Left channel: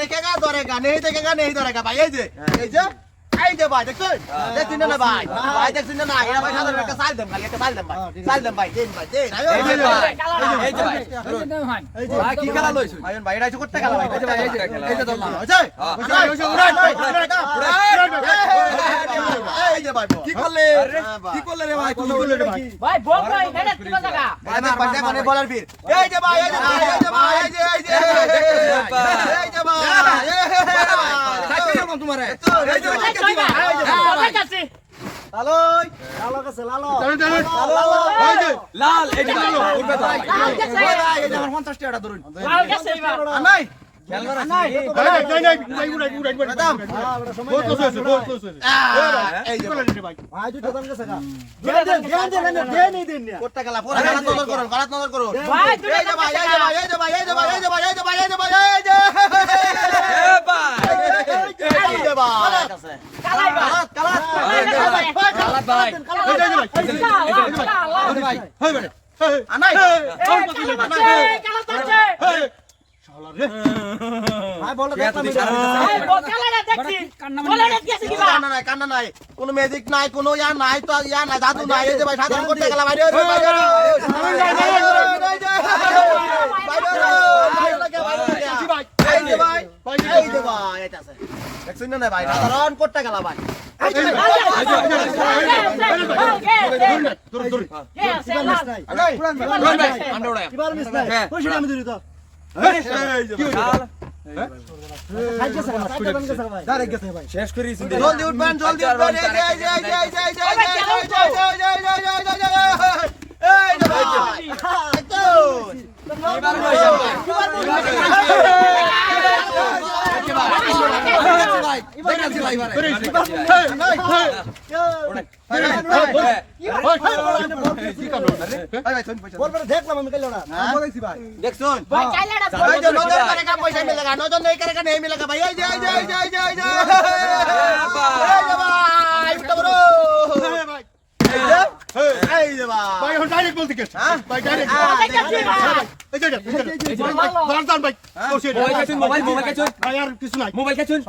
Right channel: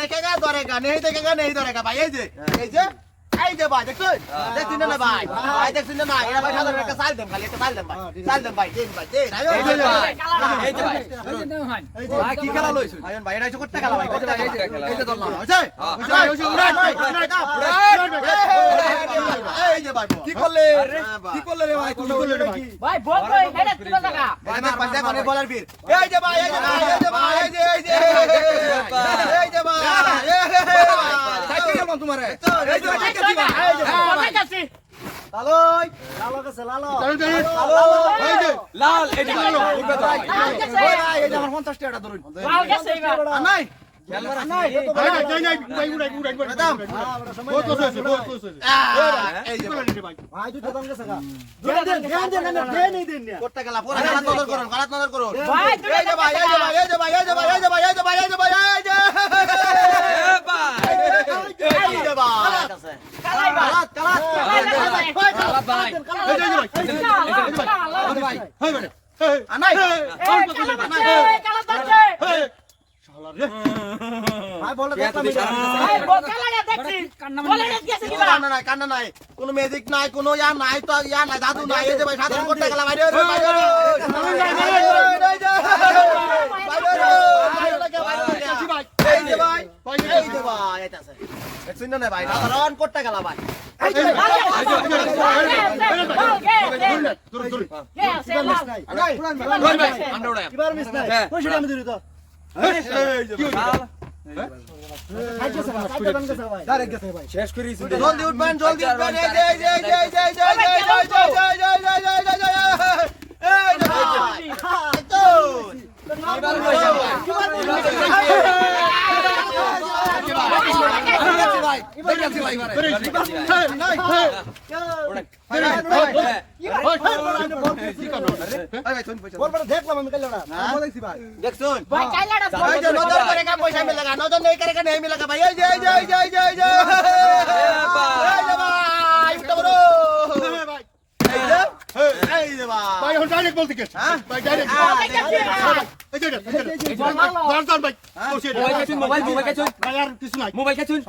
দেখেগা ধরেগা নেই দেখেগা নেই ধরেগা ভাই এই যে এই যে এই যে ভাই দেখছুন দেখছুন না ভাই ভাই দেখছুন না এরা ভাই সাধারণ একটা সাল দেন খালি একটা সাল দেন ভাই সাল দেন ভাই দেন ভাই দেন এই যে ভাই এই যে ভাই ভাই কি খেলা লইছ আয়ন ভাই এটা করতে খেলা ভাই এই যে এই যে হইছে উড়ান এই যে ভাই কি করলে কি করলে রে ভাই তুমি করলে রে ভাই ভাই বল কই হেডে কি জায়গা ভাই কোনে বলার বীর এই যে ভাই এই যে ভাই এই যে ভাই এই যে এই যে এই যে ভাই সাইকেল কেমন তোমার এই যে ভাই এই যে এই যে ভাই কাছে লালই লালো কাছে লালো লাল এই যে। এই যে আমার 50 টাকা ধরুন লাল গেছে এবার নাই নাই দাম এই যে ভাই ভাই দুটো দাম গেছে গা দুটো দাম দেন দেন দেন দেন এই দেন করতে গেলা পুরো গালাত নজর করুন গালাত নজর করুন ভাই দুটো এই যে ভাই, এই যে ভাই, এই যে ভাই। এই যে ভাই এই যে ভাই? এই যে ভাই এই যে ভাই এই যে এই যে ভাই কালাই ভাই গালাত গালাত কালাই ভাই আনাই কালা যাচ্ছে ভাই বলে দেখলাম ভাই বল কালা দেখছি বলে দেখছি দিবা কান্না নাই কান্না নাই কোনো ম্যাজিক নাই কোনো ইয়া নাই তো ইয়া নাই জাদু নাই এই যে ভাই সাধারণ করতে গেলা ভাই রে ভাই রে এই যে ভাই এই যে ভাই এটা আছে দেখছেন না ভাই সাধারণ করতে গেলা ভাই এই যে ভাই আনাই আমরা উড়াই কিবার মিস নাই কই সেটা আমি দিই তো এই যে ভাই খাই গেছে গা সাইকেল দাম গেছে ভাই ডাইরেক্ট গেছে ভাই শেষ করি জলদি উঠবেন জলদি উঠবেন এই যে এই যে এই যে এই যে এই যে এই যে এই যে এই যে এই যে এই যে এই যে এই যে এই যে এই যে এই যে বলবে দেখলাম আমি কাইলো না বলেছি ভাই দেখছুন ভাই। শেষ করে জলদি উঠবেন জলদি উঠবেন এই দেখলাম আমি কাইলো না দেখছুন ভাই কাইলা না পয়সা মিলেগা নজন নেই করে নেই মিলেগা ভাই এই যে এই যে এই যে এই যে ভাই এখন ডাইরেক্ট বলতে গেছে ভাই ভাই মোবাইল মোবাইল কাচুন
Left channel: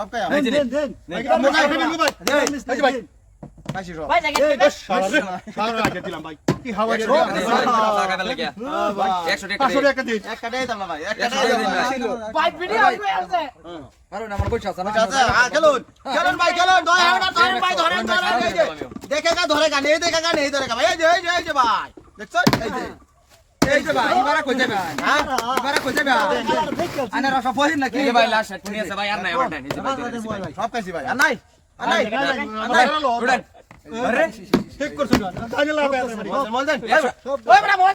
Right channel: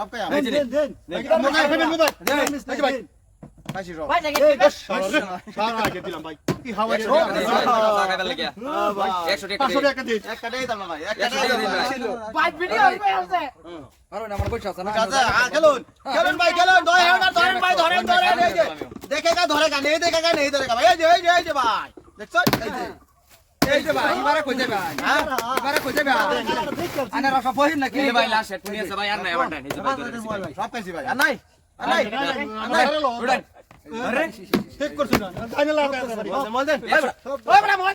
না খেলুন ভাই ধরেন ধরেন ভাই ধরেন এই যে দেখেগা ধরেগা নেই দেখেগা নেই ধরেগা ভাই এই যে এই যে এই যে ভাই দেখছ এই যে এই যে ভাই এবারে কই ভাই হ্যাঁ এবারে কই যাবে আনা রাফা পহিন নাকি ভাই লাশ সেট নিয়ে আছে ভাই আর নাই আমার ভাই সব কাছি ভাই আর নাই আর নাই আর নাই ঠিক করছ না জানি লাগে বল দেন ওই বড়